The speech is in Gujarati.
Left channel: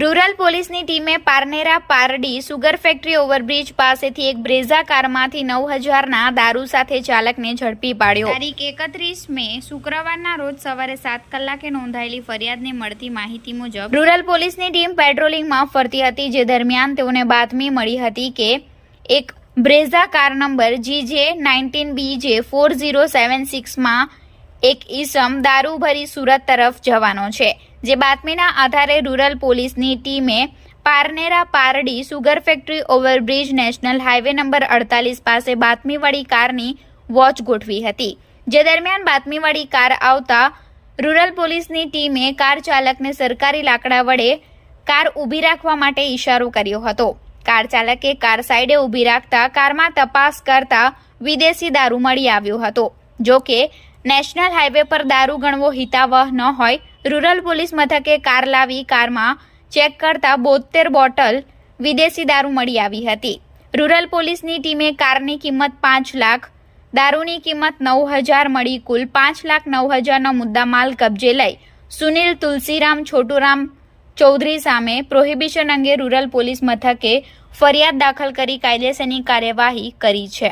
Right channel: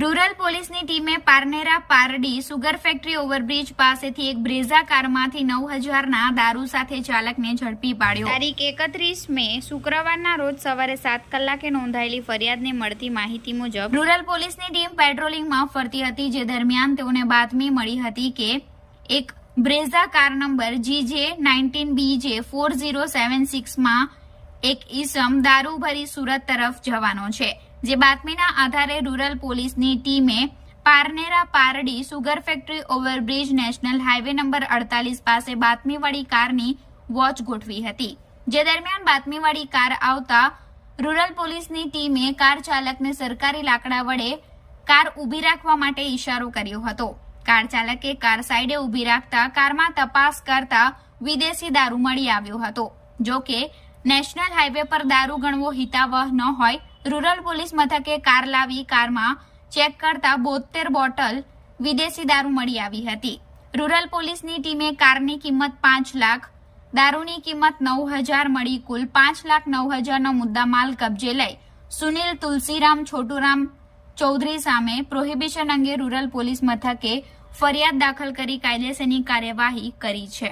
રૂરલ પોલીસની ટીમે Parnera Pardi sugar factory overbridge પાસેથી એક બ્રેઝા કારમાંથી નવ હજારના દારૂ સાથે ચાલકને ઝડપી પાડ્યો. તારીખ એકત્રીસ મે શુક્રવારના રોજ સવારે સાત કલાકે નોંધાયેલી ફરિયાદને મળતી માહિતી મુજબ રૂરલ પોલીસની ટીમ પેટ્રોલિંગમાં ફરતી હતી જે દરમિયાન તેઓને બાતમી મળી હતી કે એક Brezza car number GJ nineteen BJ four zero seven સિક્સમાં એક ઈસમ દારૂ ભરી સુરત તરફ જવાનો છે. જે બાતમીના આધારે રૂરલ પોલીસની ટીમે Parnera Pardi sugar factory overbridge national highway number અડતાલીસ પાસે બાતમીવાળી કારની વોચ ગોઠવી હતી. જે દરમિયાન બાતમીવાળી કાર આવતા રૂરલ પોલીસની ટીમે કાર ચાલકને સરકારી લાકડા વડે કાર ઊભી રાખવા માટે ઈશારો કર્યો હતો. કાર ચાલકે કાર સાઈડે ઊભી રાખતા કારમાં તપાસ કરતા વિદેશી દારૂ મળી આવ્યો હતો જો કે નેશનલ હાઈવે પર દારૂ ગણવો હિતાવહ ન હોય, રૂરલ પોલીસ મથકે કાર લાવી કારમાં ચેક કરતા બોતેર બોટલ વિદેશી દારૂ મળી આવી હતી. રૂરલ પોલીસની ટીમે કારની કિંમત પાંચ લાખ, દારૂની કિંમત નવ હજાર મળી કુલ પાંચ લાખ નવ હજારનો મુદ્દામાલ કબજે લઈ સુનિલ તુલસીરામ છોટુરામ ચૌધરી સામે પ્રોહિબિશન અંગે રૂરલ પોલીસ મથકે ફરિયાદ દાખલ કરી કાયદેસરની કાર્યવાહી કરી છે.